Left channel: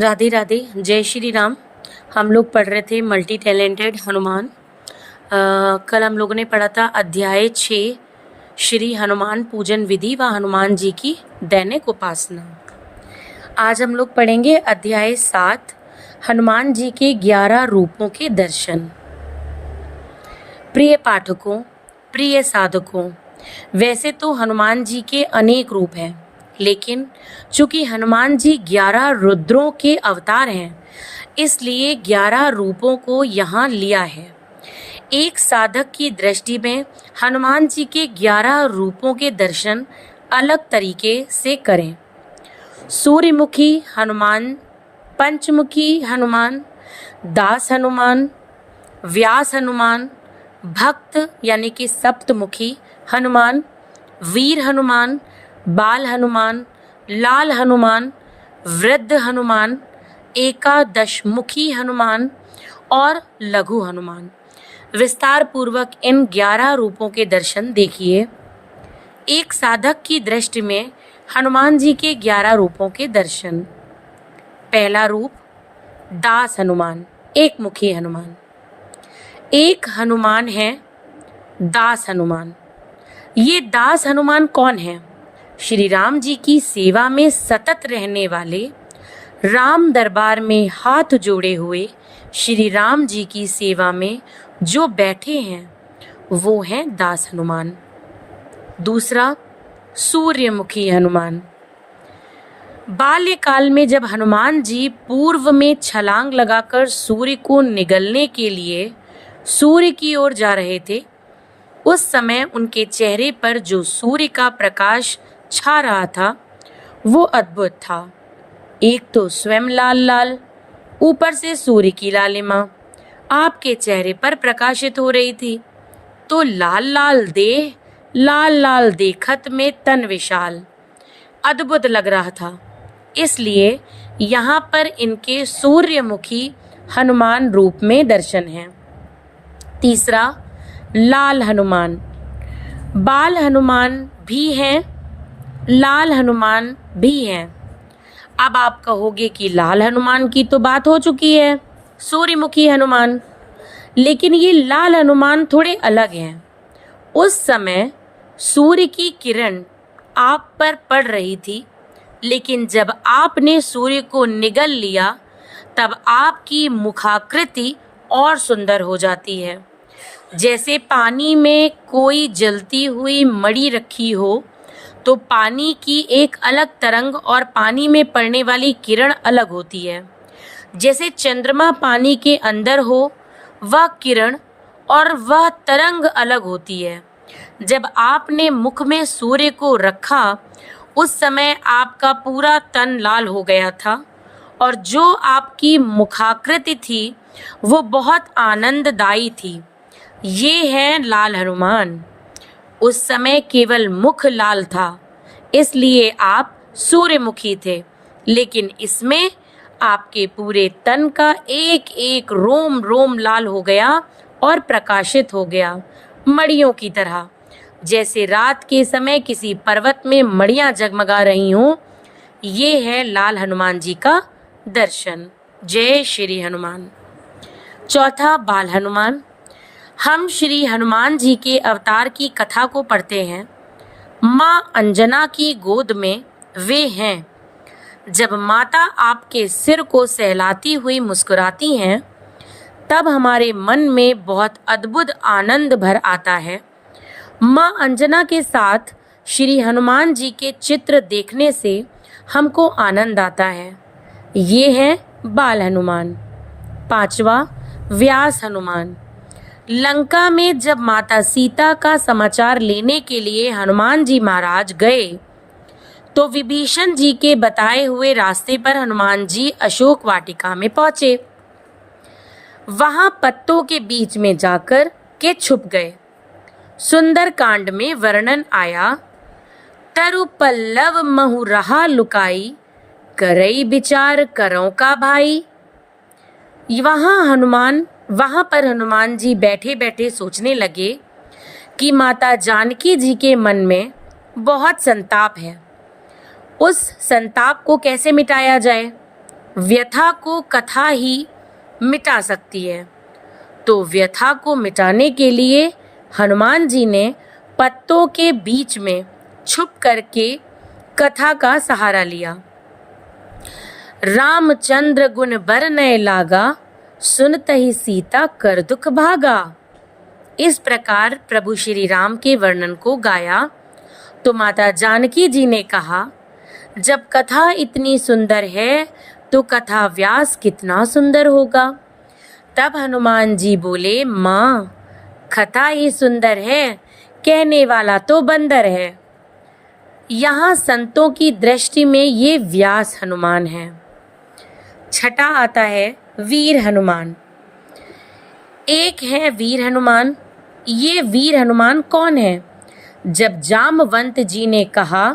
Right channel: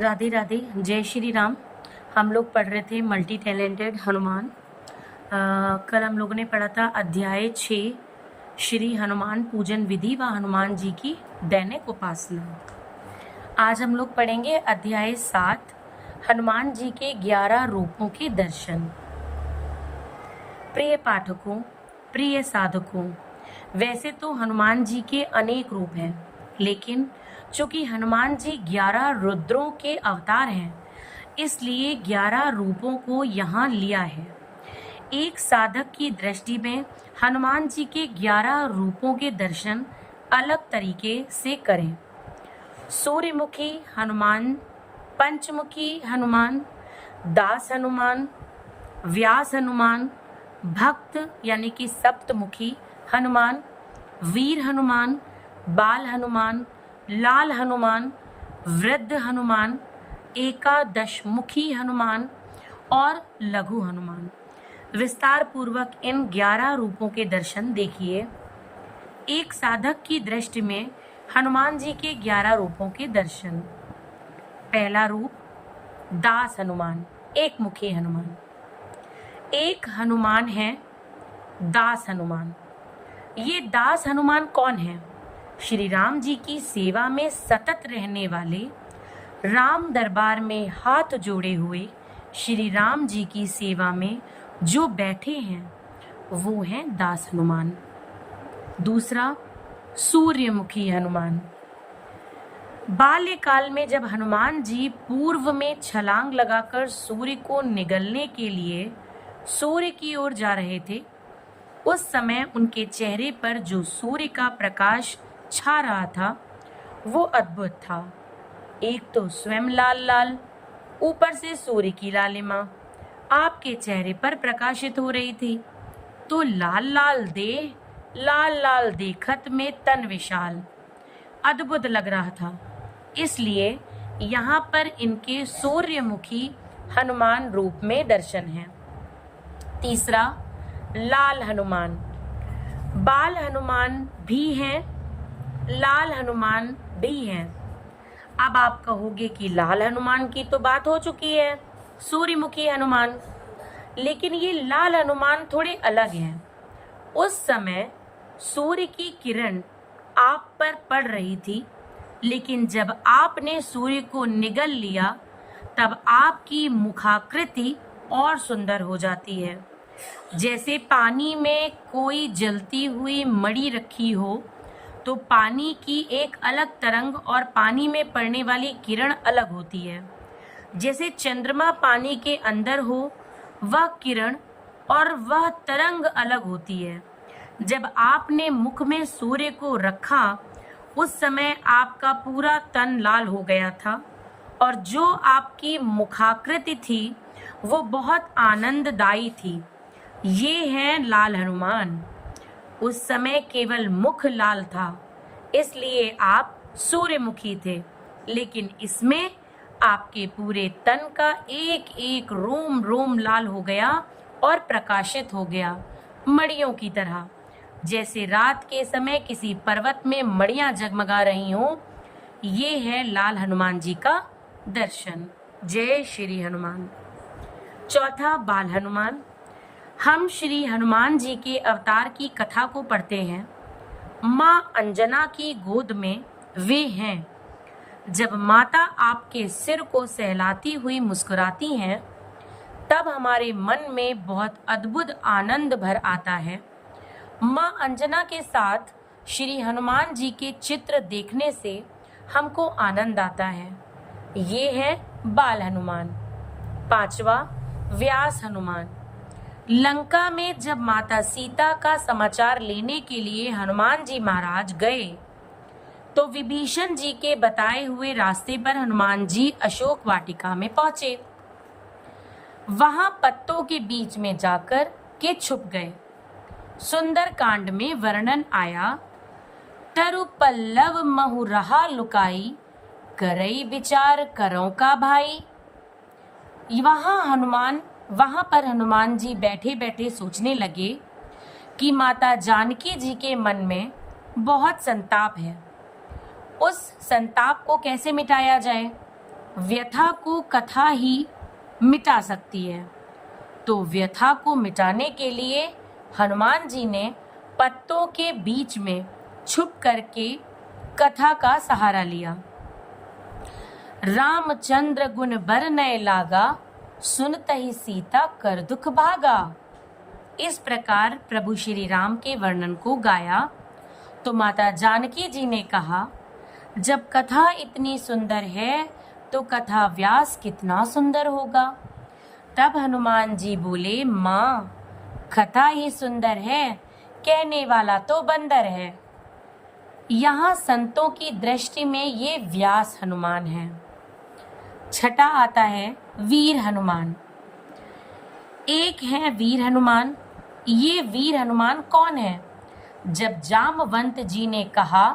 राधे राधे, जय श्री राम। हम लोग पढ़ रहे थे मल्टी टैलेंटेड हनुमान। कल हम लोगों ने पढ़ा था अध्याय 6 श्री हनुमान पूजन विधि व हनुमान जी की दैनिक उपासना। आज हम लोग पढ़ेंगे अध्याय 7 हनुमान जी के 11 रूपों के दर्शन। प्रिय पाठकों, प्रिय साधकों, वैसे तो हनुमान जी के अनेक रूप हैं, लेकिन चूंकि हनुमान जी 11 रुद्रों के अवतार हैं, इसलिए 11 रूपों को यहाँ लिया है। एक साधक की दृष्टि में हनुमान जी के 11 रूपों के दर्शन अलग तरीके से करें। सूर्यमुखी हनुमान, पंचमुखी हनुमान, दास हनुमान, व्यास हनुमान, भक्त यानी कि सप्तमुखी हनुमान, वीर हनुमान, बाल हनुमान, लाल हनुमान, वृद्ध हनुमान, एकादशमुखी हनुमान और लघु हनुमान। विस्तार पूर्वक इन 11 रूपों के दर्शन देखिए। एक साधक की दृष्टि में हनुमान जी के 11 रूपों के दर्शन। पहला रूप दास हनुमान, एक मुखी हनुमान। एक हनुमान है दास हनुमान। ये दास हनुमान कौन है? श्री राम जी की सेवा में सतत रहने वाले, राम दरबार में हाथ जोड़े हुए श्री राम जी की सेवा में जो बैठे हैं, वो हैं दास हनुमान। दूसरा सूर्यमुखी हनुमान। बाल्यकाल में जब हनुमान जी पूर्व में छलांग लगाकर सूर्य को निगलने के लिए सूर्य की ओर जा रहे थे, उस समय उनके चेहरे पर जो सूर्य का प्रकाश छा रहा था वो अद्भुत था। एक तो स्वयं लाल लाल, ऊपर से सूर्य की लालिमा आपके चेहरे पर प्रकाशित हो रही थी, तो लाल लाल देह, लाल लाल देखत में तन विशाल, अद्भुत लग रहा था। इसलिए यहाँ पर इनके सूर्यमुखी हनुमान रूप में दर्शन है। तीसरा लाल हनुमान। बाल हनुमान भी हैं, लाल हनुमान भी हैं। अब आप कहोगे कि लाल हनुमान की तो बात हो चुकी है, सूर्यमुखी हनुमान, लेकिन ये लाल हनुमान थोड़े अलग हैं। उस समय सूर्य की किरण आप पर पड़ रही थी, लेकिन जब आपने सूर्य को निगल लिया तब आपकी मुखाकृति और सुंदर हो जाती है। जैसे पानी में कोई जलती हुई मणि रखी हो तो पानी की एक अलग तरंग और पानी में पड़ने वाली किरण अलग होती है। जैसे चंद्रमा पानी के अंदर हो, वह किरण और वह तरंग अलग होती है। जब आपने मुख में सूर्य को रखा, उस समय आपका पूरा तन लाल हो गया था और जो आपकी मुखाकृति थी वो बहुत आनंददायी थी। ये है लाल हनुमान। उस समय केवल मुख लाल था, इसलिए आप सूर्यमुखी थे, लेकिन इसमें आपके पूरे तन का एक एक रोम रोम लाल हो गया और प्रकाशित हो गया, मणियों की तरह। जैसे रात के समय किसी पर्वत में मणियां जगमगा रही हों, ये है लाल हनुमान जी का दर्शन। जय श्री हनुमान। चौथा बाल हनुमान। हम श्री हनुमान जी के अवतार की कथा को पढ़ते हैं। माँ अंजना की गोद में वे हैं। जब माता आपके सिर को सहलाती हुई मुस्कुराती हैं, तब हमारे मन में बहुत अद्भुत आनंद भर आता है। माँ अंजना के साथ श्री हनुमान जी के चित्र देखने से हमको आनंद आता है। ये है बाल हनुमान। पांचवा व्यास हनुमान। लंका में जब माता सीता का समाचार लेने के लिए हनुमान जी महाराज गए, तो विभीषण जी के बताए हुए रास्ते पर हनुमान जी अशोक वाटिका में पहुंचे। वहां पत्तों के बीच में जाकर के छुप गए। सुंदर कांड में वर्णन आया, तरु पल्लव महु रहा लुकाई, करई विचार करों का भाई। वहां पर हनुमान जी बैठे बैठे सोचने लगे कि माता जानकी जी के मन में बहुत संताप है, उस संताप को कैसे मिटाया जाए। व्यथा को कथा ही मिटा सकती है। तो व्यथा को मिटाने के लिए हनुमान जी ने पत्तों के बीच में छुप करके कथा का सहारा लिया। रामचंद्र गुण बरनय लागा, सुनतहि सीता कर दुख भागा। इस प्रकार प्रभु श्री राम के वर्णन को गाया तो माता जानकी जी ने कहा, जब कथा इतनी सुंदर है तो कथा व्यास कितना सुंदर होगा। तब हनुमान जी बोले, माँ कथा ही सुंदर है, कहने वाला तो बंदर है। यहाँ संतों की दृष्टि में ये व्यास हनुमान है। छठा आता है वीर हनुमान। एक है वीर हनुमान। ये वीर हनुमान कौन है? जब जामवंत जी ने कहा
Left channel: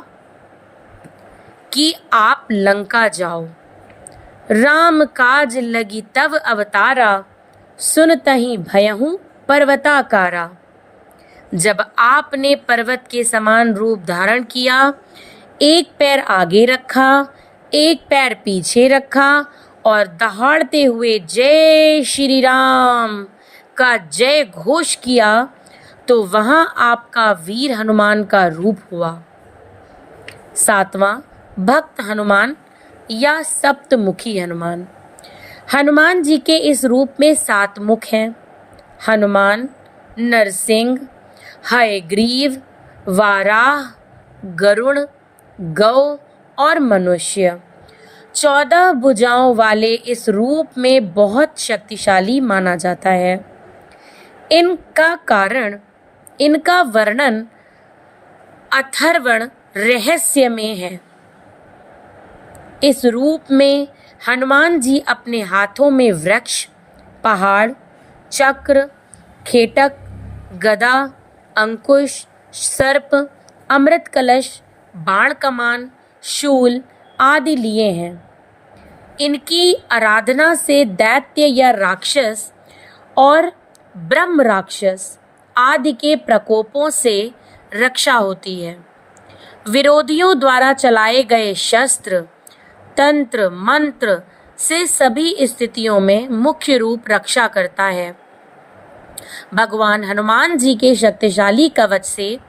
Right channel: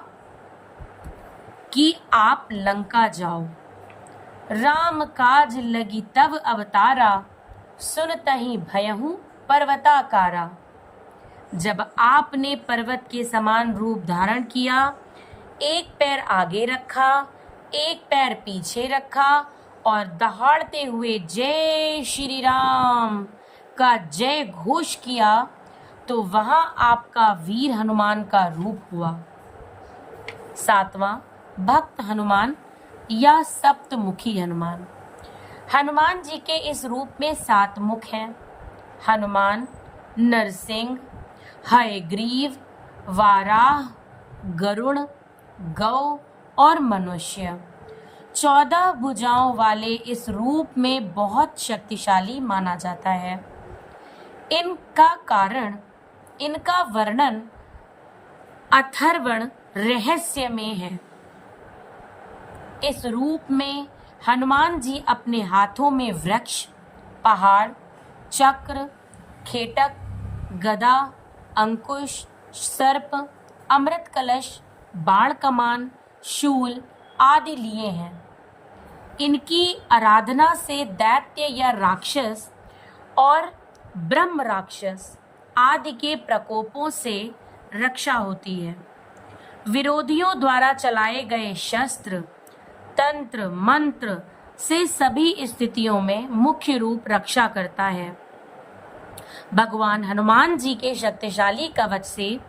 कि आप लंका जाओ, राम काज लगी तव अवतारा, सुनतहि भयहु पर्वताकारा। जब आपने पर्वत के समान रूप धारण किया, एक पैर आगे रखा, एक पैर पीछे रखा और दहाड़ते हुए जय श्री राम का जय घोष किया, तो वहां आपका वीर हनुमान का रूप हुआ। सातवां भक्त हनुमान या सप्तमुखी हनुमान। हनुमान जी के इस रूप में 7 मुख हैं। हनुमान, नरसिंह, हयग्रीव, वाराह, गरुण, गौ और मनुष्य। 14 भुजाओं वाले इस रूप में बहुत शक्तिशाली माना जाता है। इनका वर्णन अथर्वण रहस्य में है। इस रूप में हनुमान जी अपने हाथों में वृक्ष, पहाड़, चक्र, खेटक, गदा, अंकुश, सर्प, अमृत कलश, बाण कमान, शूल आदि लिए हैं। इनकी आराधना से दैत्य या राक्षस और ब्रह्म राक्षस आदि के प्रकोपों से रक्षा होती है। विरोधियों द्वारा चलाए गए शस्त्र, तंत्र, मंत्र से सभी स्थितियों में मुख्य रूप रक्षा करता है। भगवान हनुमान जी के शक्तिशाली कवच से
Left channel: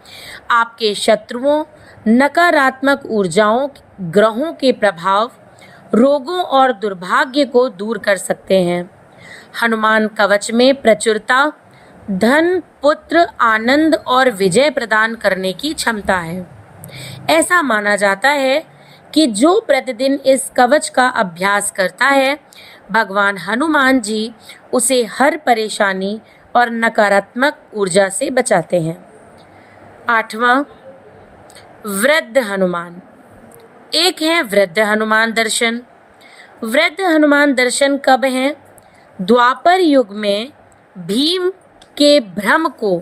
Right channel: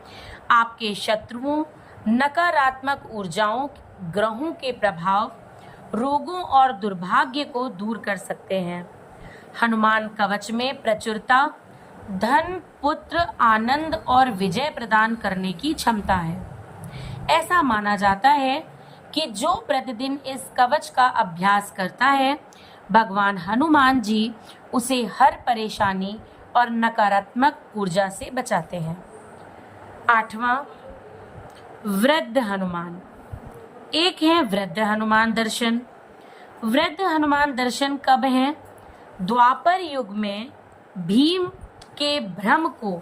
आपके शत्रुओं, नकारात्मक ऊर्जाओं, ग्रहों के प्रभाव, रोगों और दुर्भाग्य को दूर कर सकते हैं। हनुमान कवच में प्रचुरता, धन, पुत्र, आनंद और विजय प्रदान करने की क्षमता है। ऐसा माना जाता है कि जो प्रतिदिन इस कवच का अभ्यास करता है, भगवान हनुमान जी उसे हर परेशानी और नकारात्मक ऊर्जा से बचाते हैं। 8वां वृद्ध हनुमान। एक है वृद्ध हनुमान दर्शन। वृद्ध हनुमान दर्शन कब है? द्वापर युग में भीम के भ्रम को,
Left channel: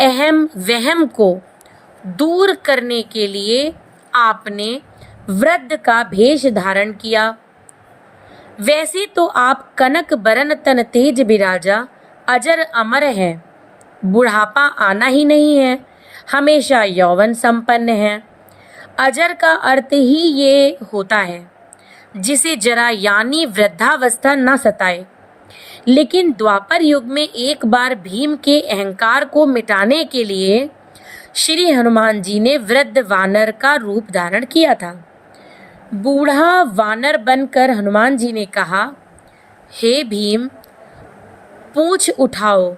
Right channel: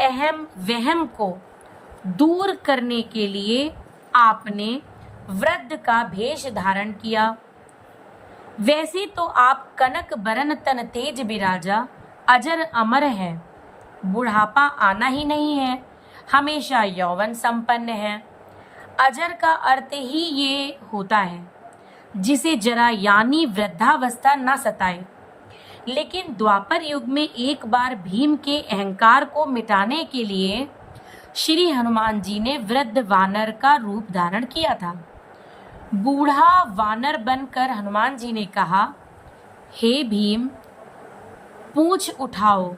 अहम वहम को दूर करने के लिए आपने वृद्ध का भेष धारण किया। वैसे तो आप कनक बरन तन तेज बिराजा, अजर अमर हैं, बुढ़ापा आना ही नहीं है, हमेशा यौवन संपन्न है। अजर का अर्थ ही ये होता है जिसे जरा यानी वृद्धावस्था न सताए। लेकिन द्वापर युग में एक बार भीम के अहंकार को मिटाने के लिए श्री हनुमान जी ने वृद्ध वानर का रूप धारण किया था। बूढ़ा वानर बनकर हनुमान जी ने कहा, हे भीम, पूंछ उठाओ,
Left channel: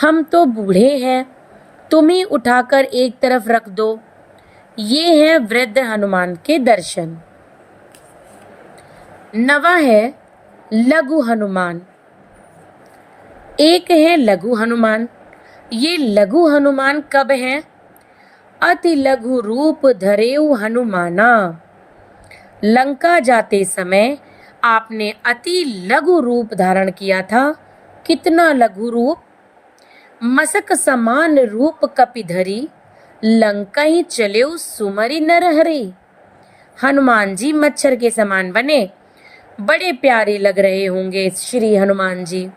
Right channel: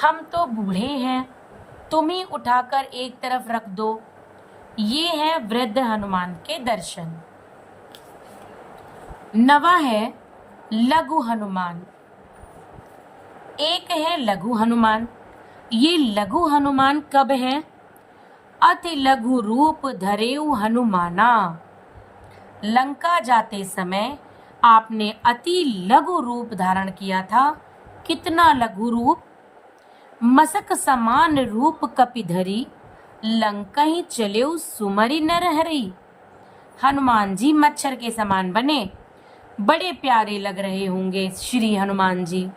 हम तो बूढ़े हैं, तुम ही उठाकर एक तरफ रख दो। ये है वृद्ध हनुमान के दर्शन। 9वां है लघु हनुमान। एक है लघु हनुमान। ये लघु हनुमान कब है? अति लघु रूप धरेउ हनुमाना। लंका जाते समय आपने अति लघु रूप धारण किया था। कितना लघु रूप! मसक समान रूप कपिधरी, लंका ही चलेउ सुमरी नरहरी। हनुमान जी मच्छर के समान बने, बड़े प्यारे लग रहे होंगे श्री हनुमान जी।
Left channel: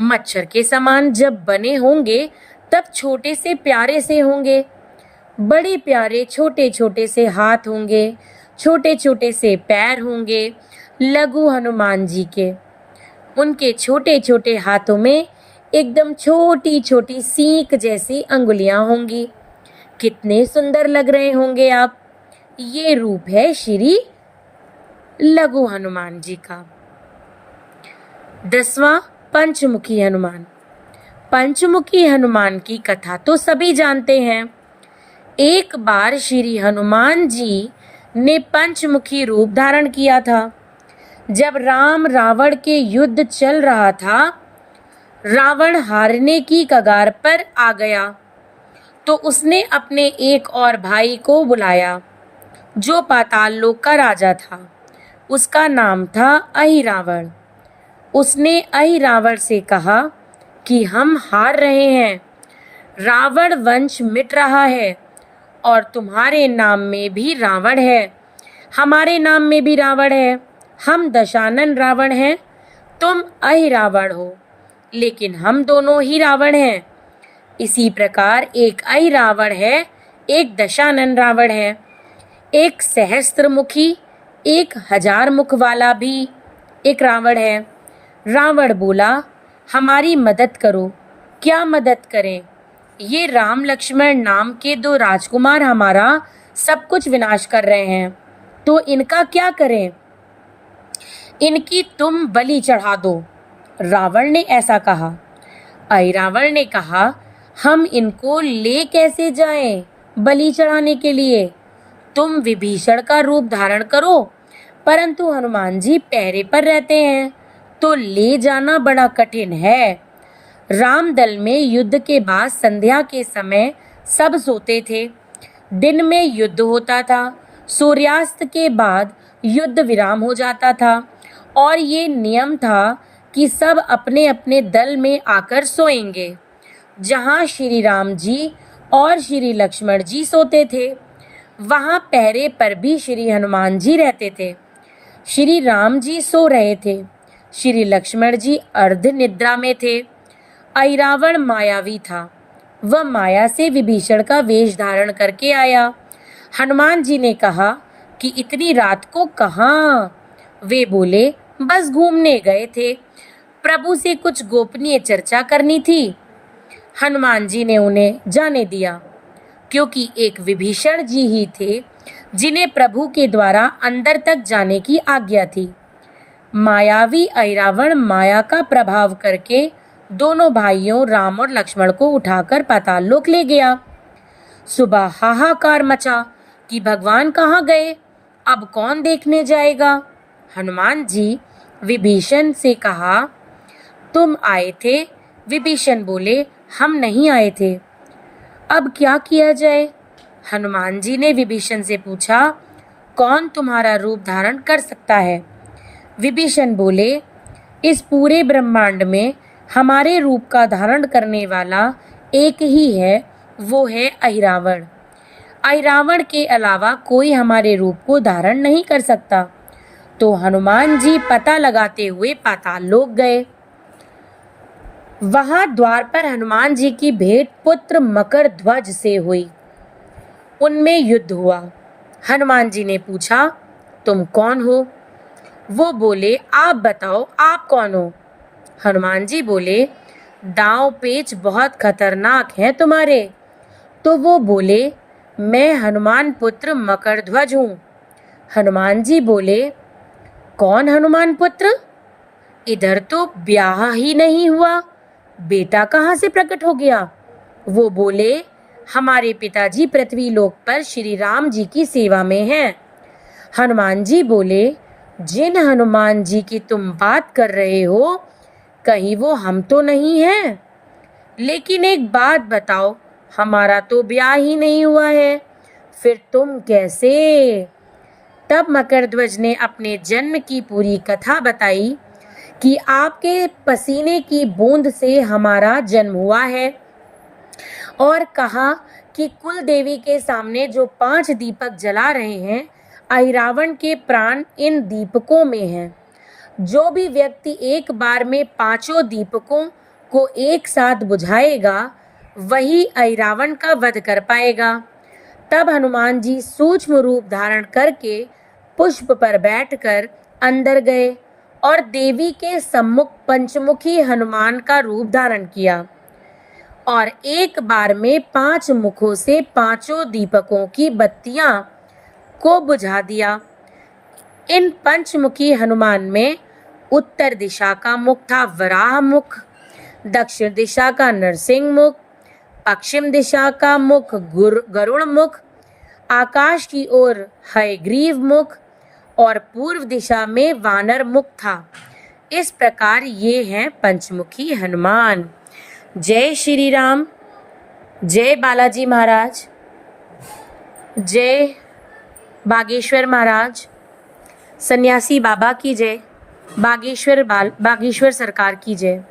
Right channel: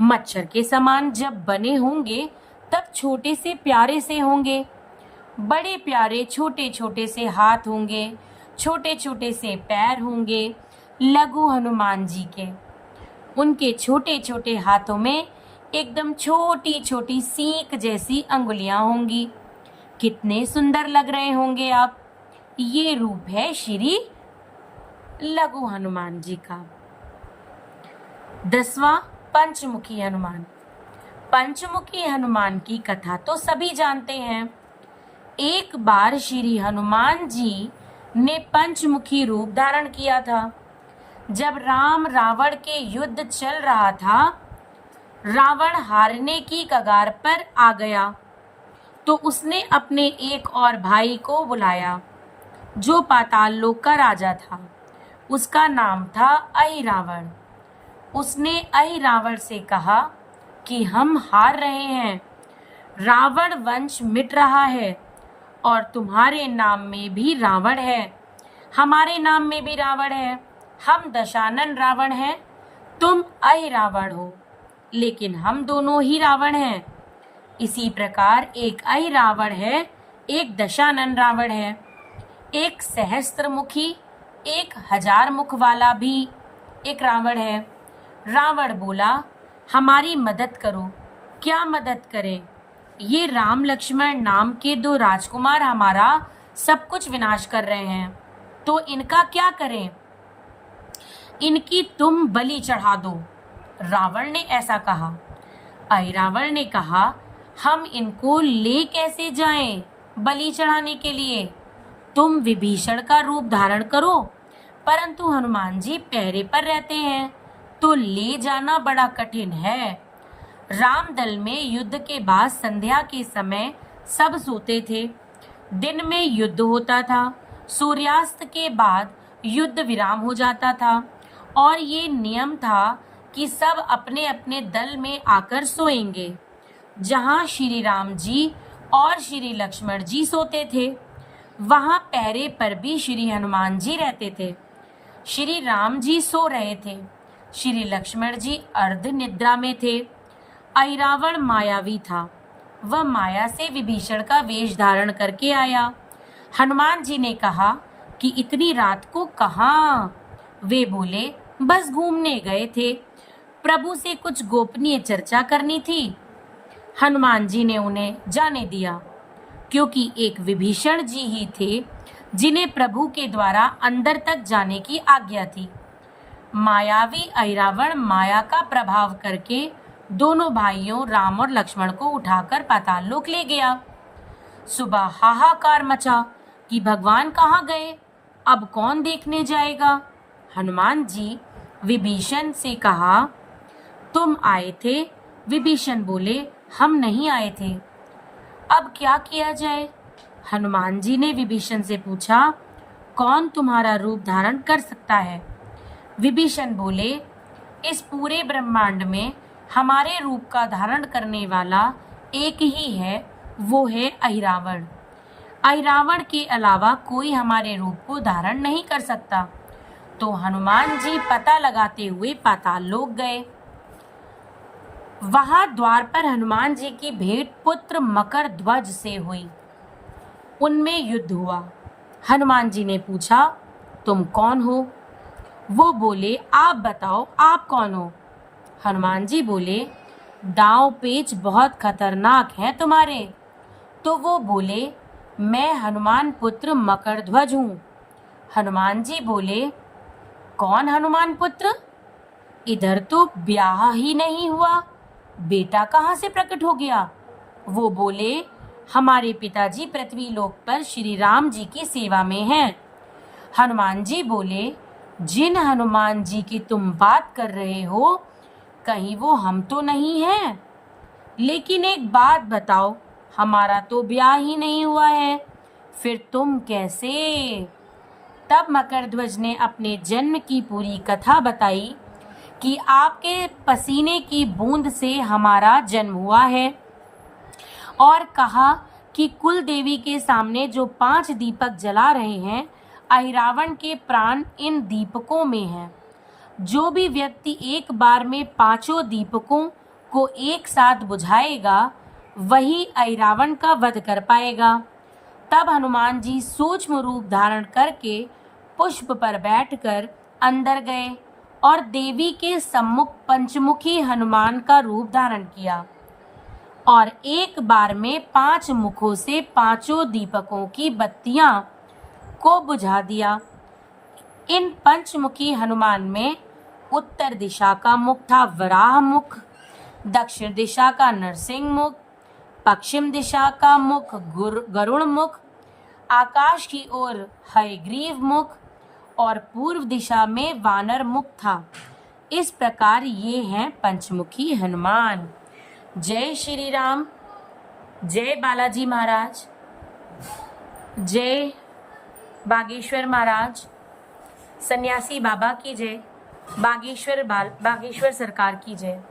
मच्छर के समान जब बने होंगे तब छोटे से प्यारे से होंगे। बड़े प्यारे छोटे छोटे से हाथ होंगे, छोटे छोटे से पैर होंगे, लघु हनुमान जी के। उनके छोटे छोटे हाथों में एकदम छोटी छोटी सींक जैसी अंगुलियां होंगी। कितने सुंदर लग रहे होंगे आप। ये रूप है श्री लघु हनुमान जी का। 10वां पंचमुखी हनुमान। पंचमुखी हनुमान की कथा तो सभी जानते हैं। एक बार श्री हनुमान जी ने पंचमुखी रूप धारण किया था। जब राम रावण के युद्ध चल रहा था, रावण हारने की कगार पर आ गया, तो उसने अपने एक और भाई को बुलाया जो पाताल लोक का राजा था। उसका नाम था अहिरावण। उसने अहिरावण से कहा कि हम हार रहे हैं, रावण वंश मिट रहा है और तुम्हारे नाम में भी रावण है, हमारे नाम में भी रावण है। हम दशानन रावण हैं, तुम अहिरावण हो, लेकिन हम दोनों ही रावण हैं। इसी प्रकार एक अहिरावण है, एक दशानन रावण है। एक सहस्त्रमुखी, एक 1000 मुख वाला भी एक रावण है। रावण बोला, हमारी मदद करो। क्या मदद करें? ये राम लक्ष्मण नाम के 2 राजकुमार हमारा सब कुछ विनाश कर रहे हैं, तो इनका क्या करें? इनकी तुम बलि चढ़ा दो। रावण ने ऐसा कहा। अहिरावण ने कहा, हम इनको ले कैसे जाएं बलि चढ़ाने के लिए? तुम विभीषण का रूप धारण करो, परंतु हनुमान जी पहरे पर रहते हैं, तो ले जाना बड़ा कठिन है। रामदल में युद्ध के बाद संध्या के समय सब सोते थे। दिन में युद्ध होता था, सूर्यास्त के बाद युद्ध विराम हो जाता था और ये नियम था कि सब अपने अपने दल में आकर सोएंगे। जहाँ श्री राम जी और श्री लक्ष्मण जी सोते थे, वहाँ पहरे पर भी श्री हनुमान जी रहते थे। श्री राम जी सो रहे थे, श्री लक्ष्मण जी अर्ध निद्रा में थे। अहिरावण मायावी था, वह माया से विभीषण का वेश धारण करके आया। हनुमान जी ने कहा कि इतनी रात को कहाँ? वे बोले, बस घूमने गए थे, प्रभु से कुछ गोपनीय चर्चा करनी थी। हनुमान जी ने उन्हें जाने दिया, क्योंकि एक विभीषण जी ही थे जिन्हें प्रभु के द्वारा अंदर तक जाने की आज्ञा थी। मायावी अहिरावण माया का प्रभाव करके दोनों भाइयों राम और लक्ष्मण को उठाकर पाताल लोक ले गया। सुबह हाहाकार मचा कि भगवान कहाँ गए, अब कौन देखने जाएगा? हनुमान जी विभीषण से कहा, तुम आए थे? विभीषण बोले, हम नहीं आए थे। अब क्या किया जाए? हनुमान जी ने विभीषण से पूछा, कौन तुम्हारा रूप धारण कर सकता है? विभीषण बोले, इस पूरे ब्रह्मांड में हमारे रूप का धारण करने वाला एक ही है, वो है अहिरावण। अहिरावण के अलावा कोई हमारे रूप को धारण नहीं कर सकता। तो हनुमान जी पता लगाते हुए पाताल लोक गए। वहां द्वार पर हनुमान जी की भेंट पुत्र मकर ध्वज से हुई। उनमें युद्ध हुआ। हनुमान जी ने पूछा, तुम कौन हो? वो बोले, आप बताओ, आप कौन हो? हनुमान जी बोले, दांव पेच बहुत खतरनाक हैं तुम्हारे। तो वो बोले, मैं हनुमान पुत्र मकर ध्वज हूँ। हनुमान जी बोले, कौन हनुमान पुत्र? इधर तो ब्याह ही नहीं हुआ, बेटा कहाँ से प्रकट हो गया? वो बोले, हमारे पिताजी पृथ्वी लोक पर श्री राम जी की सेवा में हैं। हनुमान जी बोले, जिन हनुमान जी की तुम बात कर रहे हो, कहीं वो हम तो नहीं हैं? लेकिन एक बात बताओ, हमारा तो ब्याह ही नहीं हुआ है, फिर तुम कैसे? तब मकरध्वज ने अपने जन्म की पूरी कथा बताई कि आपके पसीने की बूंद से हमारा जन्म हुआ है, और कहा कि कुल देवी के सामने जो 5 दीपक जला रहे हैं, अहिरावण के प्राण इन दीपकों में हैं। जो भी व्यक्ति एक बार में 5 दीपकों को एक साथ बुझाएगा, वही अहिरावण का वध कर पाएगा। तब हनुमान जी सूक्ष्म रूप धारण करके पुष्प पर बैठकर अंदर गए और देवी के सम्मुख पंचमुखी हनुमान का रूप धारण किया और एक बार में 5 मुखों से 5 दीपकों की बत्तियां को बुझा दिया। इन पंचमुखी हनुमान में उत्तर दिशा का मुख था वराह मुख, दक्षिण दिशा का नरसिंह मुख, पश्चिम दिशा का मुख गरुड़ मुख, आकाश की ओर हयग्रीव मुख और पूर्व दिशा में वानर मुख था। इस प्रकार ये हैं पंचमुखी हनुमान। जय श्री राम, जय बालाजी महाराज, जय बागेश्वर महाराज, सन्यासी बाबा की जय, बागेश्वर सरकार की जय।